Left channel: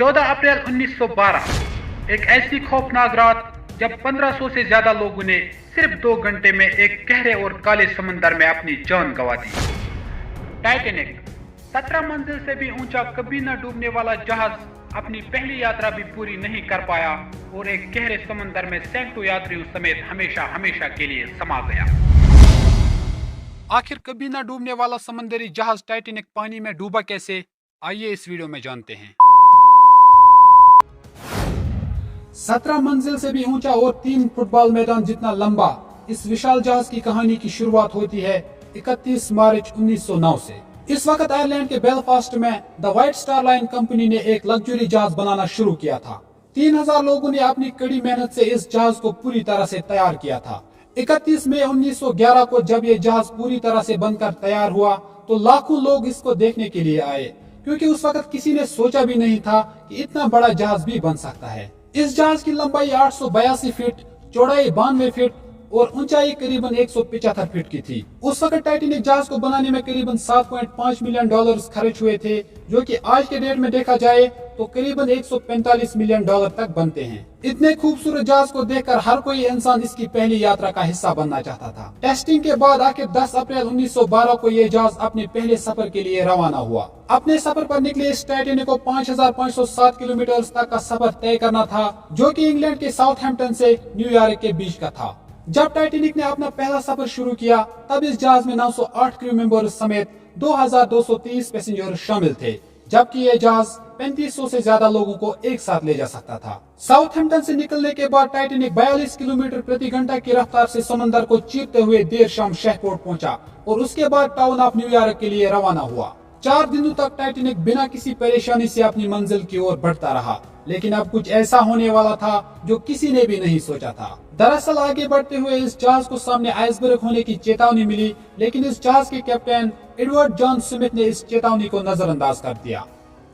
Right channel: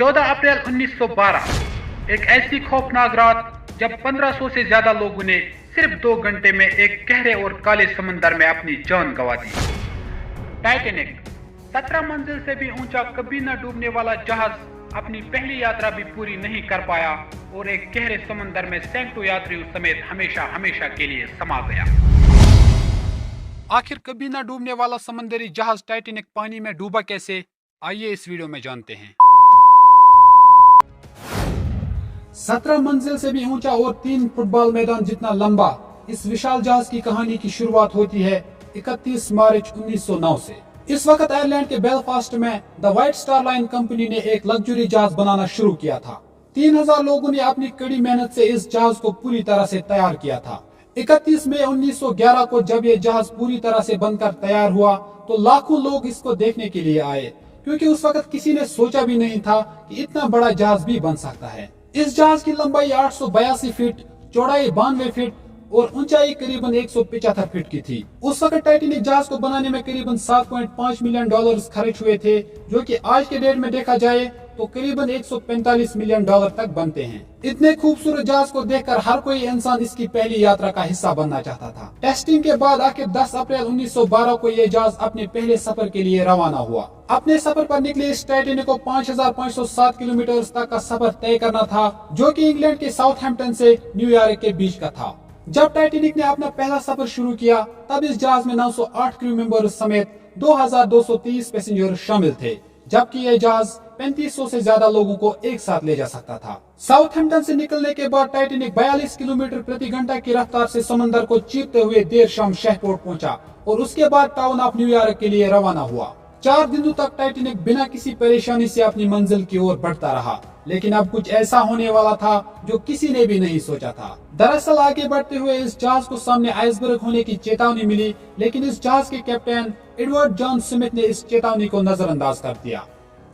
14 अप्रैल 1912 एक ऐसी खौफनाक रात जब 1500 से ज्यादा लोगों ने सिर्फ 2 घंटे में एक गहरे और काले समंदर में अपनी जान गंवा दी। टाइटैनिक 17 मंजिल से भी ऊंचा कभी न डूबने वाला जहाज अपनी पहली यात्रा भी पूरी नहीं कर पाया और एक गहरे समंदर में सैकड़ों यात्रियों समेत हमेशा हमेशा के लिए समा गया। आखिर कभी न डूबने वाला समंदरी जहाज टाइटैनिक पानी में डूबा कैसे, आइए इस वीडियो में जानते हैं। 17 मंजिल से भी ऊंचा और 3 फुटबॉल मैदान जितना लंबा इस विशाल जहाज की कहानी की शुरुआत होती है 31 मार्च 1909 से। इस वक्त आयरलैंड के बेलफास्ट में the white star line company ने एक लग्जरी जहाज बनाना शुरू किया था। 3000 लोगों ने अपनी कड़ी मेहनत से इस जहाज को पूरी तरह से तैयार किया था। 31 मई 1911 को जब ये जहाज पूरी तरह से बनकर तैयार हुआ तो लाखों लोग इसको देखने के लिए आए, क्योंकि उस वक्त किसी ने सोचा भी नहीं था कि इतना बड़ा जहाज भी बन सकता है। इस जहाज की लंबाई 882 फीट, चौड़ाई 92 फीट और ऊंचाई करीबन 175 फीट की थी। उस वक्त टाइटैनिक जहाज को बनाने में करीबन $7.5 मिलियन खर्च हुए थे, जो कि आज के डेट में देखा जाए तो करीबन $145 मिलियन तक बनते हैं। इतने खूबसूरत जहाज को देखकर हर कोई इंसान इसकी पहली यात्रा का हिस्सा बनना चाहता था। टेस्टिंग के बाद आखिर 10 अप्रैल 1912 को यह जहाज अपने पहले सफर के लिए रवाना हुआ। अपने सफर पर निकले इस टाइटैनिक को 5507 किलोमीटर तक का सफर तय करना था, जो कि इंग्लैंड के साउथहैम्पटन से न्यूयॉर्क के बीच का था। जब टाइटैनिक ने अपना पहला सफर शुरू किया तब इस जहाज में 908 क्रू मेंबर्स समेत 2230 पैसेंजर शामिल थे, जबकि यह जहाज 3500 से ज्यादा लोगों को एक साथ ले जा सकता था। साउथहैम्पटन से निकलने के बाद टाइटैनिक 42 किलोमीटर प्रति घंटा की रफ्तार से समंदर को चीरते हुए देर शाम शहपोर्ट पहुंचा और उसके बाद टाउन ऑफ न्यूयॉर्क के लिए रवाना हुआ। 4 दिनों तक टाइटैनिक बिना किसी परेशानी से अपनी मंजिल की ओर बढ़ता रहा, लेकिन अब कुछ ऐसा होने वाला था जो किसी ने भी नहीं सोचा था। दरअसल आगे बढ़ते हुए इस जहाज को सामने आइसबर्ग होने की चेतावनी मिली, लेकिन इस जहाज के कैप्टन एडवर्ड जॉन स्मिथ ने इस चेतावनी को नजरअंदाज कर दिया।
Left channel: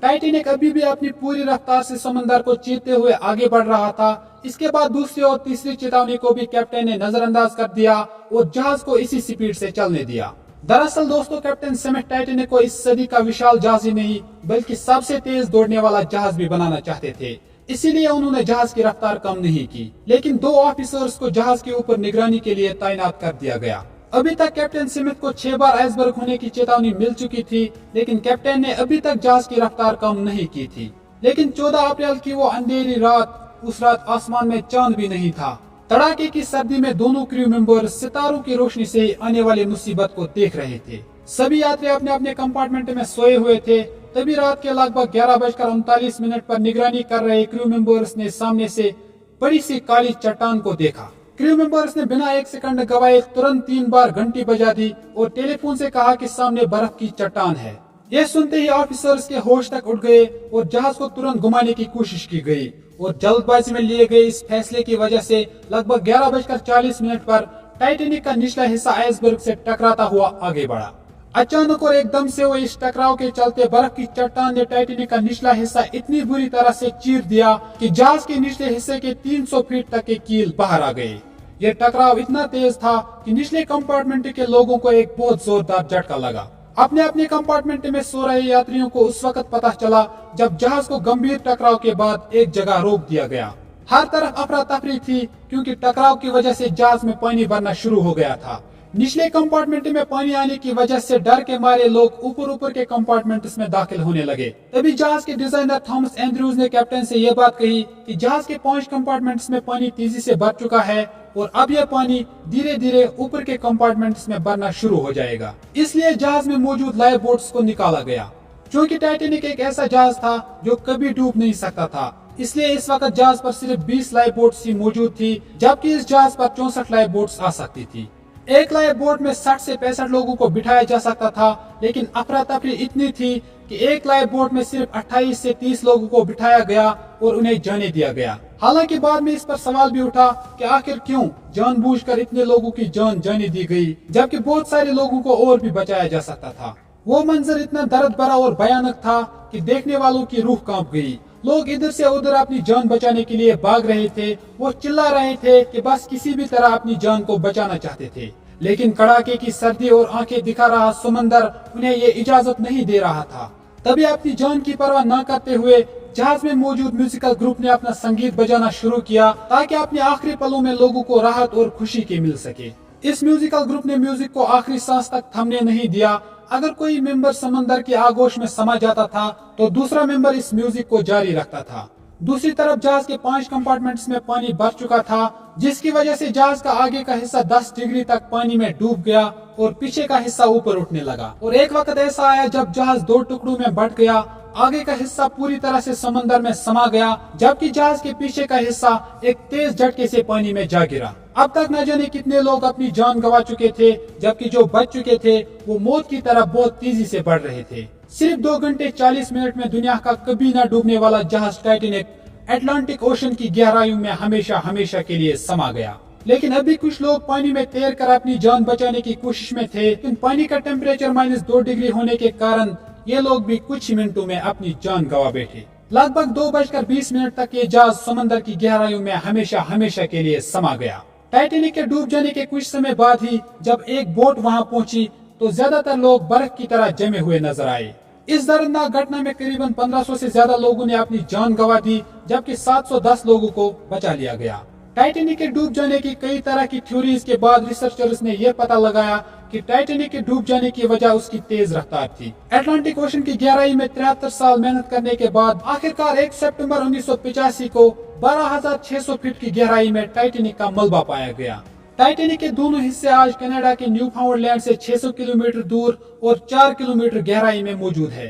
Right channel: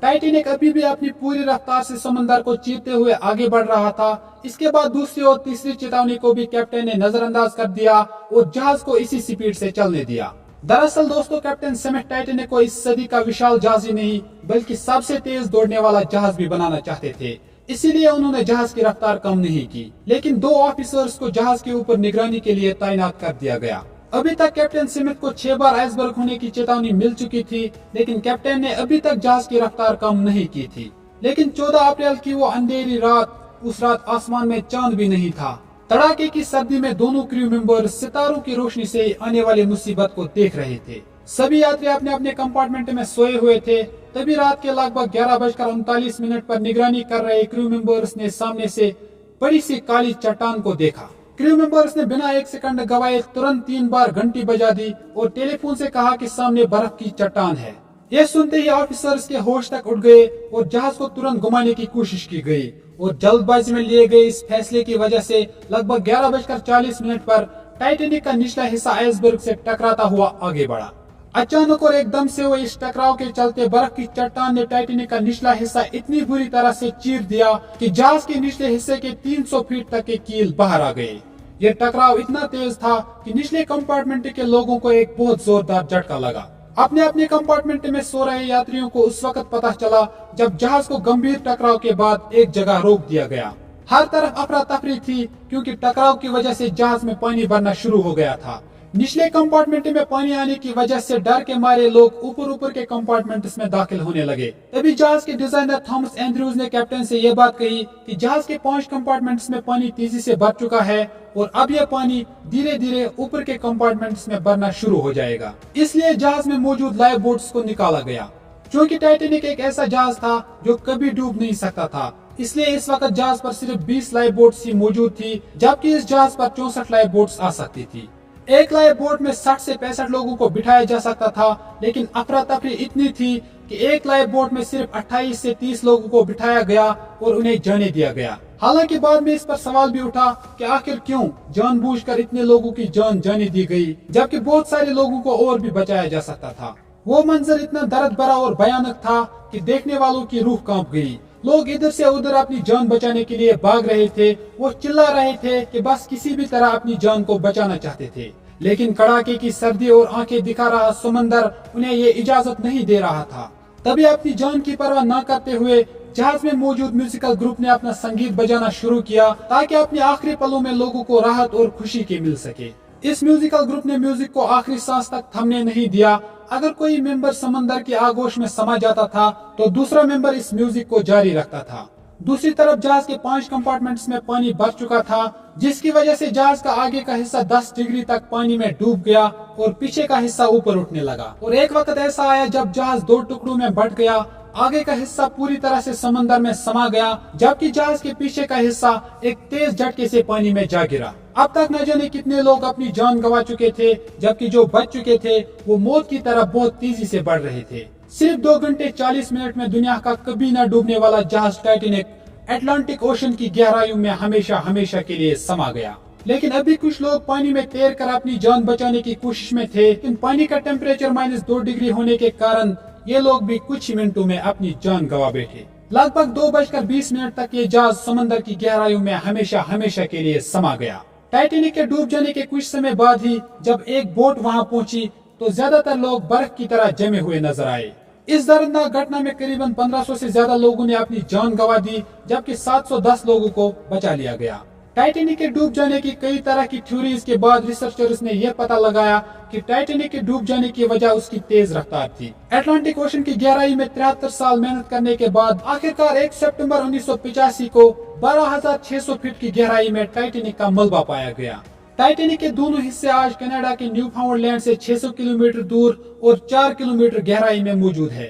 टाइटैनिक अभी भी अपनी पूरी रफ्तार से समंदर को चीरते हुए आगे बढ़ रहा था। इसके बाद दूसरी और तीसरी चेतावनी को भी कैप्टन ने नजरअंदाज कर दिया और जहाज को इसी स्पीड से चलने दिया। दरअसल दोस्तों, कैप्टन स्मिथ टाइटैनिक को इस सदी का विशाल जहाज ही नहीं बल्कि सबसे तेज दौड़ने वाला जहाज भी बनाना चाहते थे, इसीलिए उन्होंने जहाज की रफ्तार कम नहीं की, लेकिन 2 ऑफिसर्स को जहाज के ऊपर निगरानी के लिए तैनात कर दिया गया। अभी तक कैप्टन स्मिथ को 6 बार आइसबर्ग होने की चेतावनी मिल चुकी थी, लेकिन कैप्टन ने अभी तक जहाज की रफ्तार कम नहीं की थी। लेकिन 14 अप्रैल की वो अंधेरी रात, उस रात आसमान में चांद भी नहीं था। तड़ाके की सर्दी में दोनों क्रू मेंबर सितारों की रोशनी से आने वाली मुसीबत को देख रहे थे। सभी यात्री अपने अपने कंपार्टमेंट में सोए हुए थे। तभी रात के लगभग 11:39 पर निगरानी कर रहे क्रू मेंबर्स ने सामने से बड़ी सी काली चट्टान को देखा। क्रू मेंबर्स ने बिना 1 सेकंड गवाए तुरंत 3 बार घंटी बजा दी और टेलीफोन से कहा कि सामने बर्फ की चट्टान है। यह सुनते ही ऑफिसर्स के होश तक उड़ गए और जहाज को तुरंत घुमाने की कोशिश की गई और जल्दबाजी में लिए गए इस फैसले की वजह से लगभग 11:40 पर टाइटैनिक का निचला हिस्सा आइसबर्ग से टकराता हुआ आगे बढ़ा। अचानक और एकदम से वो इस टकराव के चलते बर्फ की चट्टान ने टाइटैनिक का निचला हिस्सा इतनी बुरी तरह से चीर दिया कि जहाज के निचले हिस्से के 300 फीट तक के कील बाहर आ गए। यह टकराव इतना तेज था कि निचले कंपार्टमेंट के लोगों को एक बहुत जोरदार झटका लगा। अपने अपने कंपार्टमेंट में सो रहे यात्रियों को उस वक्त पता चला जब जहाज को गंभीर टकराव के बाद एक जगह रोक दिया गया। हर तरफ अफरा तफरी थी, क्योंकि टकराव की वजह से जहाज में पानी भरना शुरू हो गया था। निचले कंपार्टमेंट में पानी आने की वजह से डर के मारे लोग ऊपर के कंपार्टमेंट्स में दाखिल होने लगे। तभी जहाज के डिजाइनर थॉमस एंड्रयूज ने कैप्टन से यह बात कही कि जहाज के 5 कंपार्टमेंट्स में पानी तेजी से भर चुका है और अब यह पानी धीरे धीरे ऊपर के कंपार्टमेंट्स में भरना शुरू हो जाएगा। इसलिए जहाज में मौजूद लाइफ बोट्स को निकाला गया। क्योंकि टाइटैनिक एक ऐसा जहाज था जो कभी डूब नहीं सकता था, इसलिए इस वक्त जहाज पर सिर्फ 20 लाइफ बोट्स ही मौजूद थी, जबकि इस जहाज पर 64 लाइफ बोट्स आ सकती थी। एक लाइफ बोट में 60 से 65 लोगों को बिठाया जा सकता था, लेकिन अफरा तफरी इतनी थी कि एक लाइफ बोट में सिर्फ 28 से 30 लोगों को बिठाया गया और उन्हें जाने दिया गया। हालांकि बाद में इस पर सवाल भी उठा कि आखिर क्यों जानबूझकर इतने लोगों की जान जाने दी गई, जबकि बहुत सारे लोगों को और भी बचाया जा सकता था। वो मंजर इतना दर्द भरा और भयानक था कि देखने वालों की रूह कांप गई। लोग इधर से उधर अपनी जान बचाने के लिए भाग रहे थे। वो चिल्ला रहे थे कि बस किसी भी तरह अपनी जान को बचाना चाहते थे, लेकिन कड़ाके की सर्दी और आंखें दिखा रहा समंदर उन्हें ये इजाजत नहीं दे रहा था। तभी अपनी जान की परवाह न करते हुए जहाज में मौजूद म्यूजिकल ग्रुप ने अपना संगीत बजाना शुरू किया ताकि अपने आखिरी पलों में लोगों को राहत और खुशी के मिल सके। इस म्यूजिकल ग्रुप ने म्यूजिक को आखिरी सांस तक थमने नहीं दिया। अगर कोई मेंबर समंदर की आगोश में समा जाता था तो दूसरा मेंबर इस म्यूजिक को जारी रखता था। दूसरी तरफ जहाज के 5 कंपार्टमेंट्स में पानी भर चुका था, जिसकी वजह से जहाज का आगे का हिस्सा 10 डिग्री तक पानी में डूब गया और पीछे का हिस्सा ऊपर उठने लगा। और एक वक्त ऐसा आया जब जहाज 2 टुकड़ों में बंट गया। आगे का हिस्सा पूरी तरह से समंदर में समा गया, जबकि जहाज के पीछे का हिस्सा एक तेज झटके से पानी में जा गिरा। अब तक न जाने कितने लोग अपनी जान गंवा चुके थे, जबकि जो बच चुके थे वो मौत की तरफ बहुत तेजी से बढ़ रहे थे। सिर्फ 2 घंटे 40 मिनट में दुनिया का कभी न डूबने वाला जहाज टाइटैनिक अटलांटिक ओशन की गहराइयों में हमेशा हमेशा के लिए समा गया। लेकिन अभी कुछ लोग पानी में तैर कर अपनी जान बचाने की कोशिश में थे, लेकिन पानी का टेम्परेचर -2 डिग्री होने के कारण ये लोग भी कुछ ही मिनटों में अपनी जान गंवा बैठे। लगभग 2:20 तक ये जहाज समंदर की गहराइयों में हमेशा हमेशा के लिए समा गया। टाइटैनिक के डूब जाने के कुछ समय बाद ही जब एक बोट वहां पहुंची तो ज्यादातर लोग बर्फ की तरह जमे हुए नजर आए। इस दर्दनाक घटना में करीबन 1500 से ज्यादा लोगों ने अपनी जान गंवा दी, जबकि 710 लोगों को बचा लिया गया। टाइटैनिक के डूब जाने की कई तरह की थ्योरीज के बाद रिसर्चर्स ने यह पता लगाया कि टाइटैनिक के डूब जाने की वजह उसकी तेज रफ्तार थी। अटलांटिक ओशन की गहराई में 73 साल मेहनत करने के बाद आखिरकार 1 सितंबर 1985 को 12,600 फीट की गहराई में टाइटैनिक का मलबा पाया गया। टाइटैनिक के दोनों हिस्से आज कनाडा के न्यूफाउंडलैंड से 600 किलोमीटर दूर और 4 किलोमीटर गहराई में मौजूद है।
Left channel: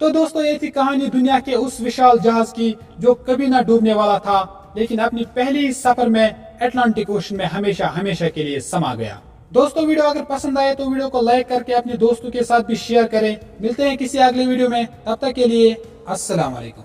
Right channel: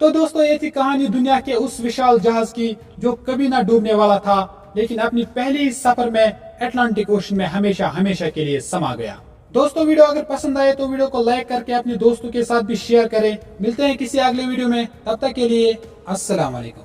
तो दोस्तों, ये थी कहानी दुनिया के उस विशाल जहाज की जो कभी ना डूबने वाला था, लेकिन अपनी पहली ही सफर में अटलांटिक ओशन में हमेशा हमेशा के लिए समा गया। दोस्तों, वीडियो अगर पसंद आए तो वीडियो को लाइक करके अपने दोस्तों के साथ भी शेयर करें। मिलते हैं किसी अगले वीडियो में, तब तक के लिए अस्सलाम वालेकुम।